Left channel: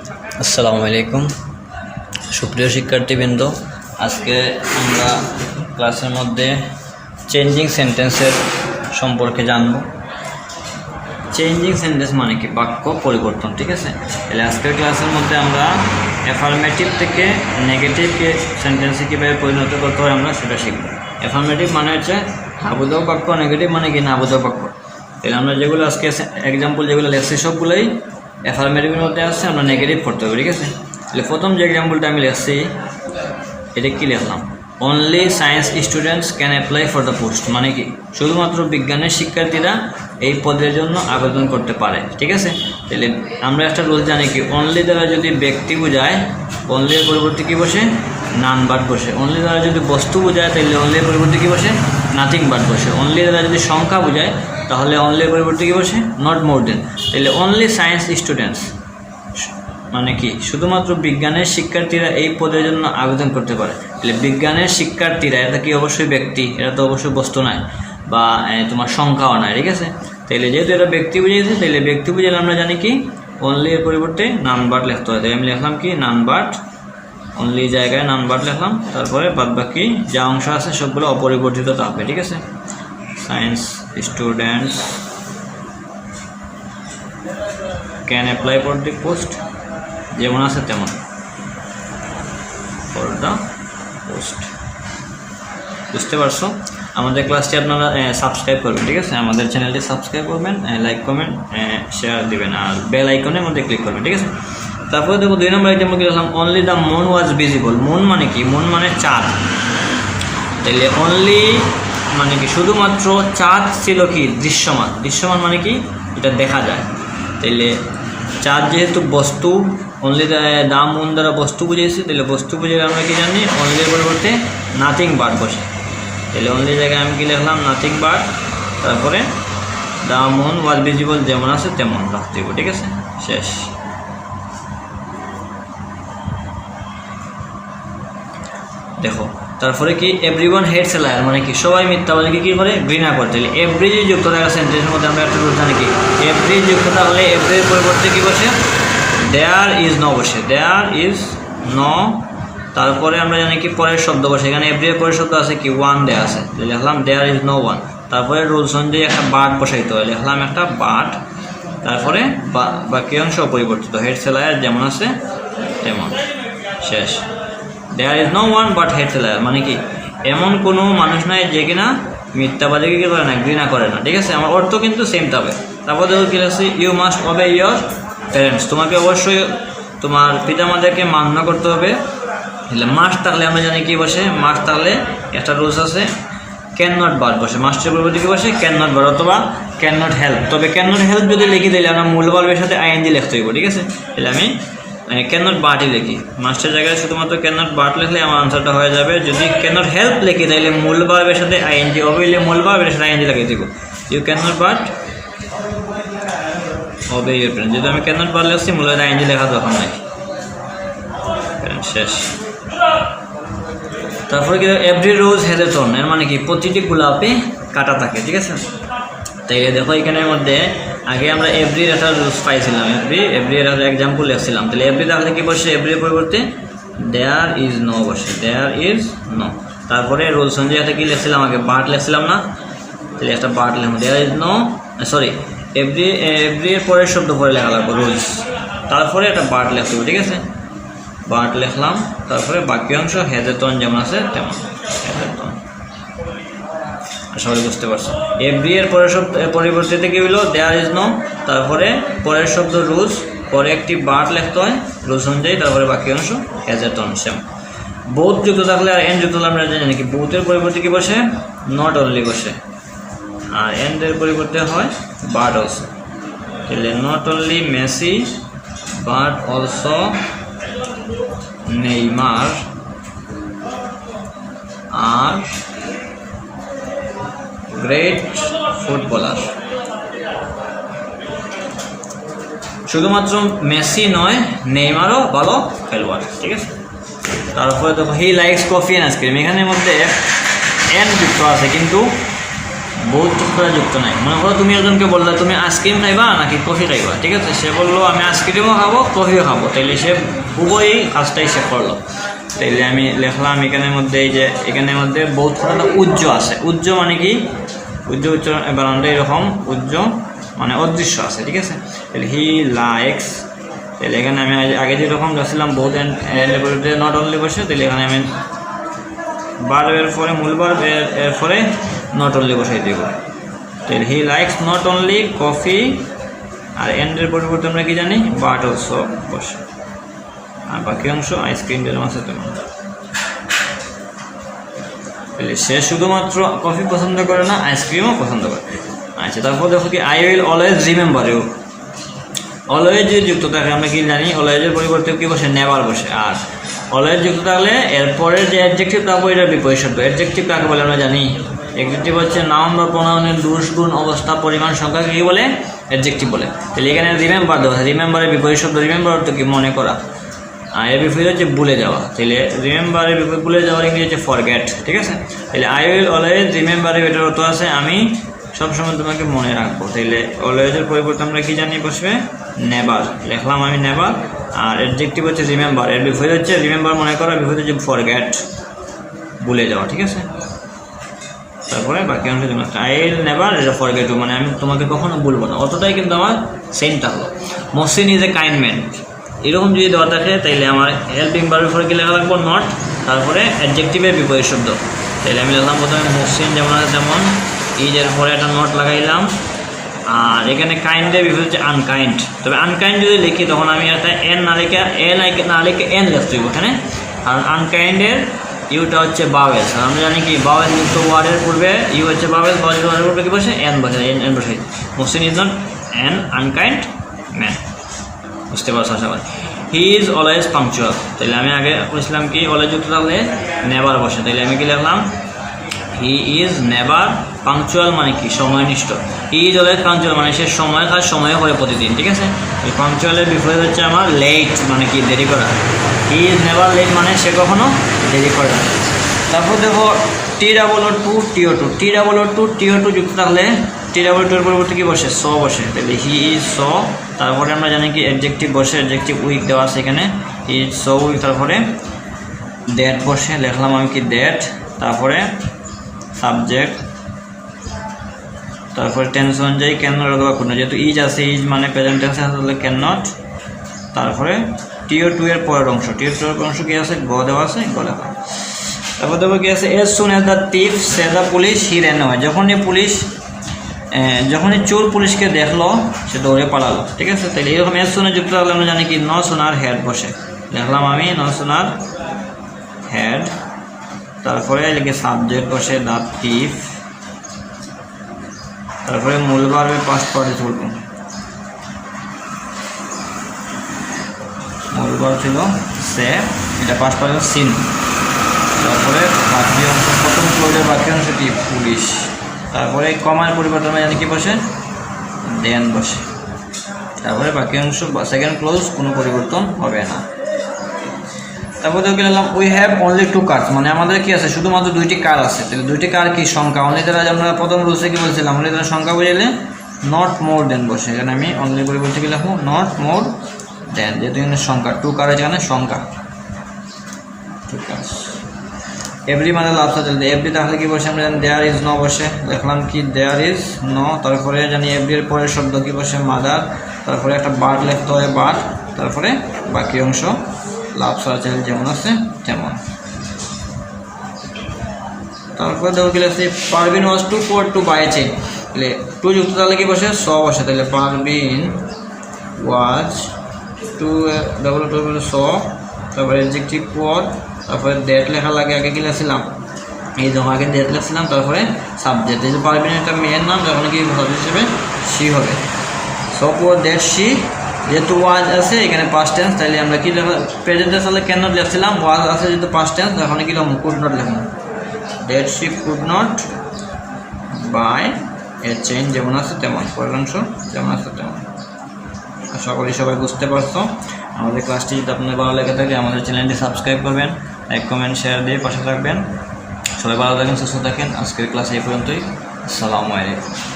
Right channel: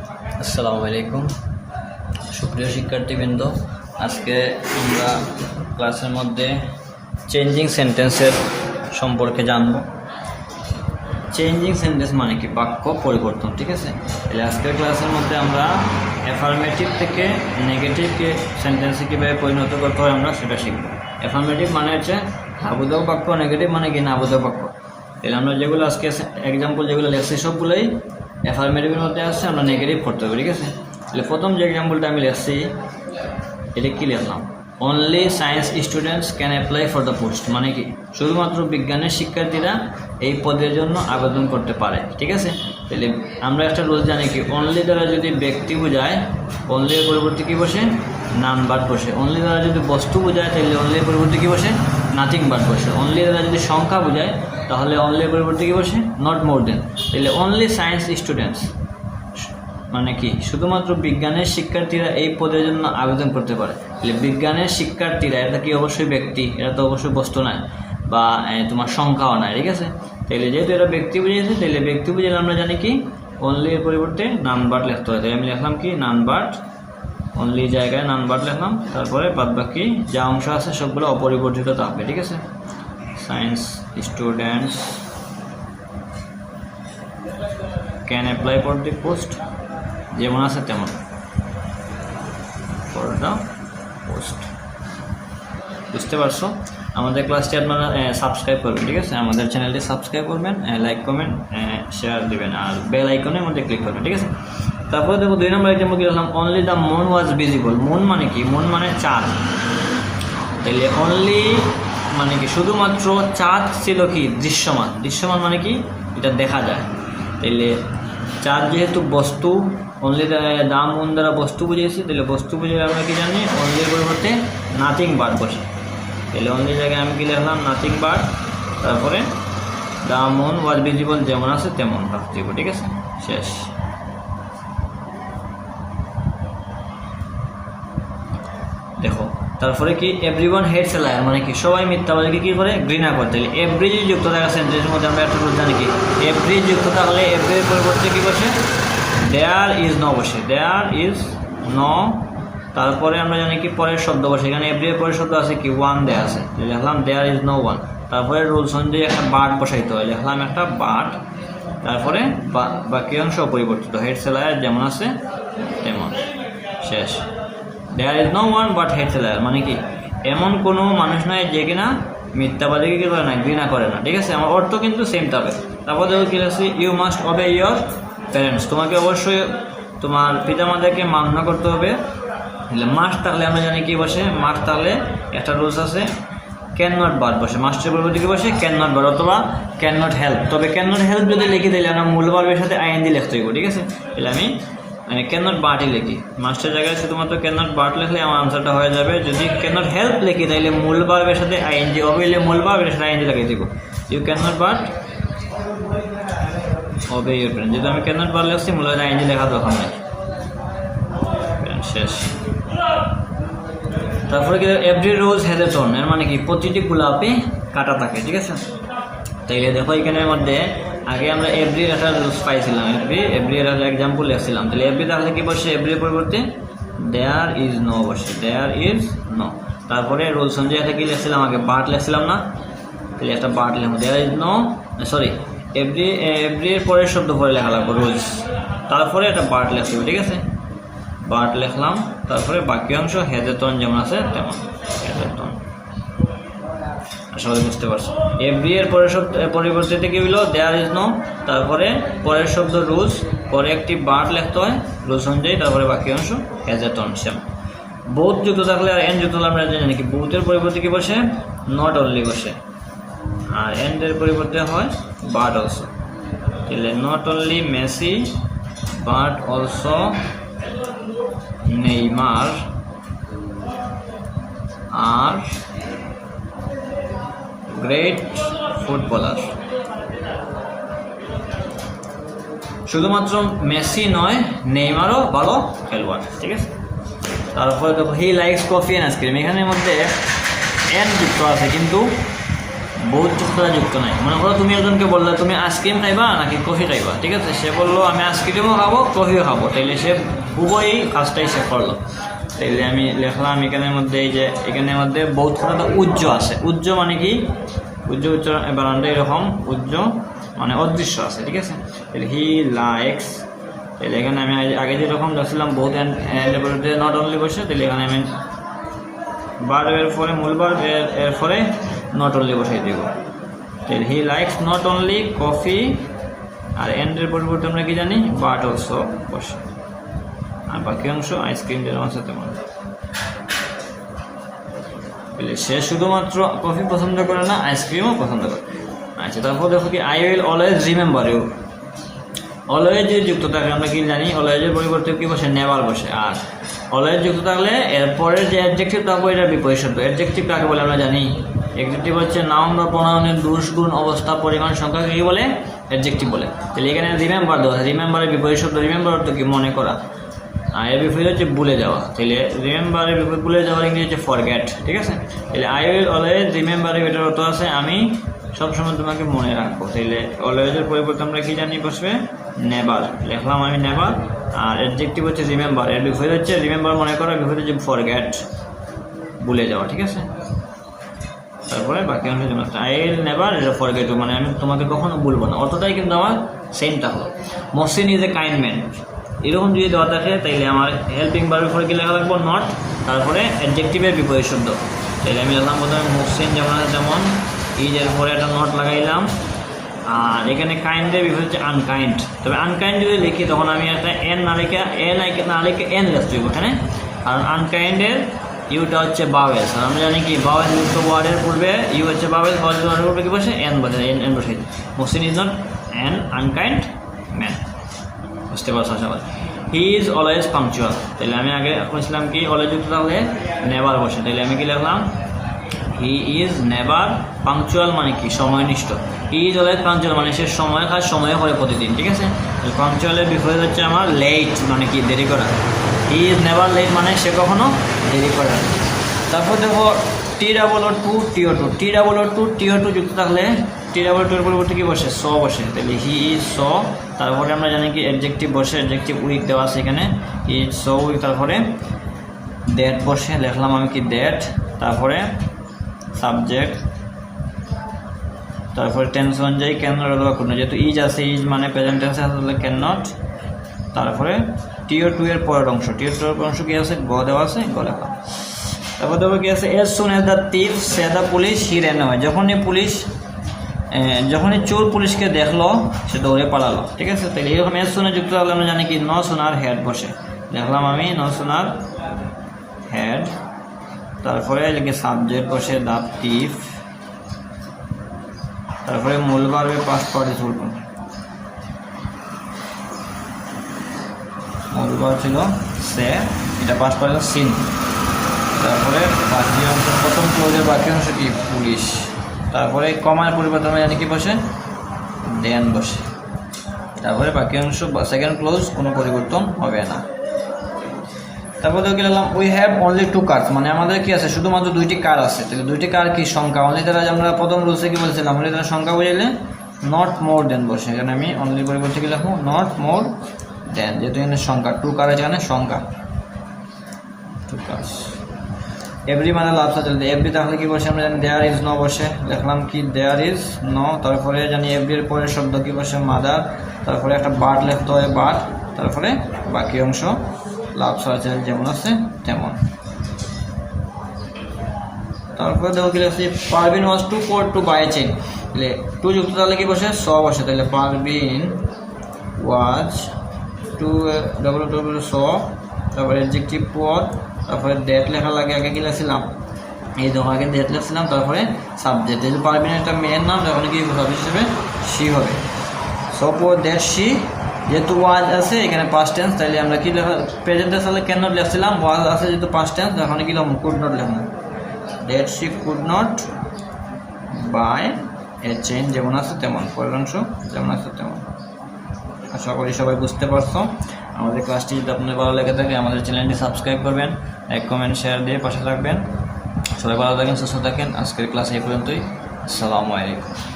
আসসালামু আলাইকুম সুপ্রিয় শিক্ষার্থীবৃন্দ, আজকে আমরা ক্লাসের মধ্যে চেঞ্জিং সেন্টেন্সের সম্পর্কে জানব। চেঞ্জিং সেন্টেন্স মানে কি? বাক্য পরিবর্তন। ঠিক আছে, তাহলে আজকের ক্লাসের মধ্যে আমরা অ্যাফার্মেটিভ থেকে নেগেটিভ সেন্টেন্সে কীভাবে পরিণত করতে হয় আমরা সেটা শিখব। অ্যাফার্মেটিভ মানে হচ্ছে হ্যাঁ বোঝাও বাক্য, নেগেটিভ মানে কি না বোঝাও বাক্য। তাহলে আমরা যেগুলো আজকে এক্সাম্পল যেগুলো লেখছি সবগুলোই অ্যাফার্মেটিভের মধ্যে আসছে, আমরা নেগেটিভ করতে হবে। ঠিক আছে, তাহলে প্রথম যে এক্সাম্পলটা আমি লিখছি এটা কী লিখলাম? Only science students can apply for the post, মানে কি শুধুমাত্র বিজ্ঞানের শিক্ষার্থীরা এই পদের জন্য আবেদন করতে পারে। ঠিক আছে, তাহলে আমরা একটা রুল জানি কি, অনলি দ্বারা যদি ব্যক্তি বোঝায় অনলির পরিবর্তে কী বসে? নাম বার্ড বসে। অনলি দ্বারা যদি বস্তু বোঝায় তাহলে অনলির পরিবর্তে কী বসে? নাথিং বার্ড বসে। অনলি দ্বারা যদি সংখ্যা বোঝায় তাহলে অনলির পরিবর্তে কী বসে? নট মোর দেন। তাহলে অনলি সায়েন্স স্টুডেন্টস মানে কি শুধুমাত্র বিজ্ঞানের শিক্ষার্থীরা এই পদের জন্য আবেদন করতে পারে। তাহলে বিজ্ঞানের শিক্ষার্থীরা এটা কি অবশ্যই ব্যক্তি, এটা তো অবশ্যই বস্তু নয় বা তোমার সংখ্যাও নয়। ঠিক আছে, তাহলে যেহেতু এটা ব্যক্তি বুঝিয়েছে, তাহলে ব্যক্তি বুঝালে আমরা জানি কি অনলি এর পরিবর্তে নাউন ভার্ব লিখতে হয়। তাই আমি লিখলাম কি নাউন ভার্ব, অনলি জায়গায় নাউন ভার্ব লিখলাম, তারপরে বাদ বাকি যা অংশ আছে সবগুলো অপরিবর্তিত থাকবে। ঠিক আছে, science students can apply for the post, যেমন আছে তেমন ফর দ্য পোস্ট। বুঝতে পারছো? আমাদের ক্লাসটি আপনারা সাবস্ক্রাইব করবেন। ঠিক আছে, আমাদের চ্যানেলটি সাবস্ক্রাইব করবেন, লাইক কমেন্ট শেয়ার দিবেন, আর বেল আইকনের মধ্যে ক্লিক করবেন। ঠিক আছে, তারপরে দেখো 2 নম্বর এক্সাম্পল কি লিখলাম? Only the moon was visible. Moon মানে কি? মুন মানে চাঁদ। তাহলে অনলি মানে কি শুধুমাত্র চাঁদ ছিল কি দৃশ্যমান। দৃশ্যমান মানে কি এটা দেখা যায়। তাহলে চাঁদ যেহেতু বস্তু, অনলি দা মুন দ্বারা বস্তু বুঝিয়েছি, তাহলে বস্তু বুঝে আমরা কি জানি অনলির পরিবর্তে নাথিং বার্ড বসে। তাহলে অনলি জায়গায় আমি কি লিখলাম? নাথিং বার্ড, তারপরে দা মুন ওয়াজ ভিজিবল, যেমন আছে তেমন রাখতে হবে। ঠিক আছে, শেষ। দেখো তারপরে কি এভরিওয়ান হেটস এ লায়ার, মানে কি সবাই মিথ্যাবাদীকে কী করে? ঘৃণা করতে। এভরি যে যুক্ত থাকা সেন্টেন্সের মধ্যে আমরা একটা রুল জানি কি এভরি যুক্ত থাকলে এভরির পরিবর্তে কী বসে? দেয়ার ইজ নো বসে। দেয়ার ইজ নো, তারপরে আমরা জানি কি পরের শব্দ বসে। এখানে এভরির পরের শব্দ আছে কি ওয়ান দেয়া আছে, লিখলাম দেয়ার ইজ নো ওয়ান। তারপরে রুলস অনুযায়ী একটা বার্ড বসাইতে হয়, লিখলাম একটা বার্ড, তারপরে বাকি অংশ অপরিবর্তিত, হেটস এ লায়ার যেমন আছে তেমন, শেষ। There is no one but hates a liar, মানে কি এমন কোনো মানুষ নাই যে কিনা মিথ্যাবাদীকে কী করে না? ঘৃণা করে না। ঠিক আছে, আমার অর্থ কিন্তু সেম থাকবে। তারপর দেখো কি লাগছে? You must obey your parents, তোমাকে অবশ্যই তোমার পিতামাতাকে মান্য করতে হবে। তাহলে মাস্ট থাকলে আমরা জানি কি বসে? মাস্ট থাকলে একটা রুলস আছে ক্যান নট বার্ড বসে। মাস্টের পরিবর্তে কি বসে? ক্যান নট বার্ড অথবা ক্যান নট হেল্প। তবে ক্যান নট হেল্প যদি লিখে দিলে আমরা মূল ভার্বের সাথে আইএনজি লিখতে হইব। ঠিক আছে, তাহলে আমি ক্যান নট বার্ডই লিখি। মাস্টের জায়গায় শুধুমাত্র ক্যান নট বার্ড লিখলে আমার আনসারটা হয়ে যাবে। যদি ক্যান নট হেল্প লিখি তাহলে মূল ভার্বের সাথে আইএনজি হবে, মূল ভার্বের সাথে আইএনজি লাগিয়ে দিব। ইউ ক্যান নট বার্ড হবে ইউর প্যারেন্টস। যেহেতু আমি ক্যান নট বার্ড লিখছি, মূল আইএনজি লেখা দরকার নাই, শেষ। তারপরে কি every rose has a thorn, এর মানে কি প্রতিটি গোলাপে কাটা থাকে। ঠিক আছে, তাইলে দেখো এখানের মধ্যে আগে আমরা এভরির একটা রুলস পাইছিলাম, এভরির একটা এক্সাম্পল লিখছিলাম। তাহলে এভরি তাহলে কি বসে? এভরির পরিবর্তে দেয়ার ইজ নো বসে, দেয়ার ইজ নো। তারপরে রুলস অনুযায়ী একটা কি লিখছিলাম? আগে বার্ড লিখছিলাম না? তাহলে একটা বার্ড লিখলাম, দেয়ার ইজ নো, সরি এভরির পরের শব্দ পরে লেখা লাগবে রুলস, তারপরে একটা বার্ড লিখতে হবে। ঠিক আছে, বার্ড লিখলাম, তারপরে বাকি অংশ হ্যাজ এ থর্ন যেমন আছে তেমন। সবাই বুঝতে পারছো? এভরি এর পরের শব্দ পরিবর্তিতে কি হইলো? দেয়ার ইজ নো, তারপরে পরের শব্দ রুলস, পরে একটি বার্ড লিখতে হয় রুলস অনুযায়ী, তারপরে বাকি অংশ has a thorn same. Both যুক্ত থাকলে আর এন্ড যুক্ত থাকলে আমরা জানি কি বোথের পরিবর্তে কি বসে? নট অনলি বসে, আর এন্ডের পরিবর্তে হয় বাট অলসো। তাহলে not only Messi but also Neymar are great footballer. শুধুমাত্র মেসি নয়, নেইমারও ভালো খেলোয়াড়। ঠিক আছে, তারপরে দেখো he likes coffee and ice cream, এখানের মধ্যে এন্ড যুক্ত আছে কিন্তু বহুত সাথে যুক্ত নাই। মনে করো তুমি একজনকে বললে তুমি আইসক্রিম খাইবা নাকি কফি খাইবা, ঠিক আছে, সে বললো আমি আইসক্রিমও খাবো কফিও খাবো, তাইলে সে উভয়ই কাজটাই সে করলো। তাইলে আমি লিখলাম এখানের মধ্যে এই যে এখানের মধ্যে বহুত একটা উজ্জ আছে। উজ্জ মানে কি, উজ্জ বানানটা এরকম, উজ্জ মানে অদৃশ্য আছে, ঠিক আছে। তাহলে হি লাইকস, তাহলে এখানে আমি আগে যেরকম যাচ্ছিলাম বহুত নট অনলি বসে, তাহলে এখানে আমি বার্বের পরে মূল বার্ব এর পরে নট অনলি বসাই দেব। তাহলে he likes not only coffee, আর এন্ডের পরিবর্তে আমরা কি জানি বাট অলসো বসে, আর বাকি অংশ আইসক্রিম যেমন আছে তেমন। তাহলে সে শুধুমাত্র কফি পছন্দ করে না, আইসক্রিমও পছন্দ করে। আচ্ছা, তারপর দেখো কি I will always remember you. Always যে যুক্ত থাকে আমরা কি জানি, অলওয়েজের পরিবর্তে কি বসে নেভার বসে, আর অলওয়েজ যুক্ত থাকলে এরপরে যে অ্যাডজেক্টিভ থাকবে এটা বিপরীত শব্দ। অ্যাডজেক্টিভ কাকে বলে আমরা জানি, অ্যাডজেক্টিভ হচ্ছে নাউন বা প্রোনাউনের দোষ গুণ অবস্থা পরিমাণ সংখ্যা কি বলে, অ্যাডজেক্টিভ বলে। তাহলে এখানে রিমেম্বার দেওয়া, রিমেম্বারের বিপরীত শব্দ, রিমেম্বার অর্থ কি মনে করা, আর এর বিপরীত হচ্ছে ভুলে যাওয়া। তাহলে রিমেম্বারের বিপরীত ভুলে যাওয়ার ইংরেজি হচ্ছে ফরগেট, ঠিক আছে। তাহলে I will always remember you, এটার অর্থ আছে আমি সবসময় তোমাকে মনে রাখবো। তাহলে অলওয়েজের পরিবর্তে আমরা কি জানি বসবে নেভার, লিখলাম আমি নেভার, আর অ্যাডজেক্টিভ হচ্ছে রিমেম্বার, এর বিপরীত হচ্ছে রিমেম্বার মনে করা, বিপরীত হচ্ছে ফরগেট ভুলে যাওয়া, ঠিক আছে। তারপরে বাকি অংশ জন্য আই উইল নেভার এটা ফরগেট, মানে আমি তোমাকে কখনো ভুলবো না, অতটাই কিন্তু আমার সেমটা হলো। Mohsin is a kind man, এরকম যদি দেওয়া থাকে তাইলে আমার হেল্পিং ভার্বের পরে কি লেখা লাগবো নট, তারপরে অ্যাডজেক্টিভের বিপরীত শব্দ। তাইলে আমি লিখলাম প্রথমে মহসিন যেমন আছে তেমন, ইজের পরে একটা নট লাগাইলাম, আর এখানে কাইন্ডের বিপরীত হচ্ছে আনকাইন্ড। তবে আনকাইন্ড যদি লিখি তখন আমি একটা এন না লিখে এন লিখতে হইব এখানে, আর আনকাইন্ডের ইউটা হচ্ছে বাওয়েল, আর আমরা জানি কি বাওয়েল যুক্ত ওয়ার্ডের পূর্বে ইউ হচ্ছে বাওয়েল, বাওয়েল ওয়ার্ডের পূর্বে কি বসে এন বসে, এন বসে। Mohsin is not an unkind man, বুঝতে পারছো আশা করি। হি ইজ অলওয়েজ পাংচুয়াল, তাহলে আমি আগে বলছিলাম কি অলওয়েজ যুক্ত থাকলে নেভার বসে, তাহলে আমি কি লিখলাম হি ইজ নেভার পাংচুয়াল মানে কি সময়নিষ্ঠ। হি ইজ অলওয়েজ পাংচুয়াল মানে সে সময় কাজ সময়ে করে প্রতিদিন, ঠিক আছে। পাংচুয়ালের বিপরীত হচ্ছে আমার লেট মানে কি দেরি করা। হি ইজ নেভার লেট মানে সে কখনো দেরি করে না। তারপর দেখো T2 TO2, T2 যুক্ত থাকলে T2 এর পরিবর্তে কি বসে স বসে, তাহলে হি ইজ স, তারপরে আমরা জানি কি অ্যাডজেক্টিভ বসে, অ্যাডজেক্টিভ উইক দেওয়া আছে এখানে, হি ইজ সো উইক, তারপরে দ্যাট বসে, লিখলাম আমি কি দ্যাট, তারপরে সাবজেক্ট, তারপরে টেন্স অনুযায়ী ক্যান নট অথবা কোনো, যেহেতু ইজ আছে ইজ মানে প্রেজেন্ট টেন্স আছে তাহলে ক্যান নট। তারপরে TO2 এর পরের অংশ, TO2 এর অংশ কি আছে গ দেওয়া আছে, গ লেখা। তারপর দেখো কি আছে as soon as the thief saw the police he ran away, যখনই চোর পুলিশকে দেখলো সে দৌড়ে পালালো, ঠিক আছে। তাহলে এরকম এজ সুনে যুক্ত থাকলে আমরা জানি কি ন সোনার হেড বসে, দেখলাম আমি ন সোনার হেড, তারপরে এদিকে সাবজেক্ট বসে দ্য টিফ, তারপরে মূল ভার্বের পাস্ট পার্টিসিপল, মূল ভার্ব ছিল সে, এটা পাস্ট পার্টিসিপল সিন, তারপরে বাকি অংশ প্রথম ক্লোজের বাকি অংশটি পুলিশ, তারপরে কমার পরিবর্তন আমরা জানি কি বসে দেন বসে, তারপরে বাকি অংশ সেকেন্ড ক্লোজ কোনো পরিবর্তন হবে না। তারপর দেখে নিলাম উই হ্যাভ অনলি 2 কার্স, মানে আমাদের কি আছে শুধুমাত্র 2টি কার আছে। তাহলে 2টি কার কি সংখ্যা, অনলি দ্বারা আমরা প্রথম রুলসে কি বলছিলাম অনলি দ্বারা সংখ্যা বুঝাইলে নট মোর দেন বসে, এখানে আমি অনলি পরিবর্তে কি লিখবো নট মোর দেন, যেহেতু এখানে সংখ্যা 2 কার আছে, এখানে সংখ্যা 2 কার্স। এভরি মানে লাস্ট চলতে এভরি তাহলে কি বসে আমরা জানি দেয়ার ইজ নো বসে, দেখলাম কি দেয়ার ইজ নো, তারপরে জানি এভরির পরের শব্দ কি বসে মাদার, তারপরে একটা বার্ড লিখতে হবে বার্ড, তারপরে বাকি অংশ লাভ সার্চেল যেমন আছে তেমন। তারপরে দেখো কি আছে পারবিন ওয়াজ টু পোর টু বাই চেইন, তাহলে 2 যুক্ত তাহলে কি বসে স বসে, তাহলে পারবিন ওয়াজ টু ডবল স, তারপরে অ্যাডজেক্টিভ পোর, তারপরে ডেট লেখা লাগে, আগে কি লিখছিলাম এই ধরো আগে ডেট লিখছিলাম, তারপরে সাবজেক্ট, এই যে পারবিন একটা মেয়ের নাম তখন কি সাবজেক্ট হিসেবে সি হবে। সো পোর ডেট সি, যেহেতু ওয়াজ আছে এখানে পাস্ট টেন্স, তাইলে আমরা কি লেখা প্রেজেন্ট টেন্স তাহলে ক্যান নট লিখছিলাম, ওয়াজ আছে যেহেতু পাস্ট টেন্স তখন কি লিখলাম কুড নট লিখলাম, that she could not buy a chain যেমন আছে তেমন, পরের অংশ যেমন আছে তেমন। আশা করি সবাই বুঝতে পারছো। আমাদের ক্লাসটি যদি আপনাদের ভালো লেগে থাকে আমাদের চ্যানেলটি সাবস্ক্রাইব করবেন, লাইক কমেন্ট শেয়ার দিয়ে পাশে থাকবেন। সবাই ভালো থাকেন, সুস্থ থাকেন। আজকের ক্লাস এই পর্যন্তই। আসসালামু আলাইকুম।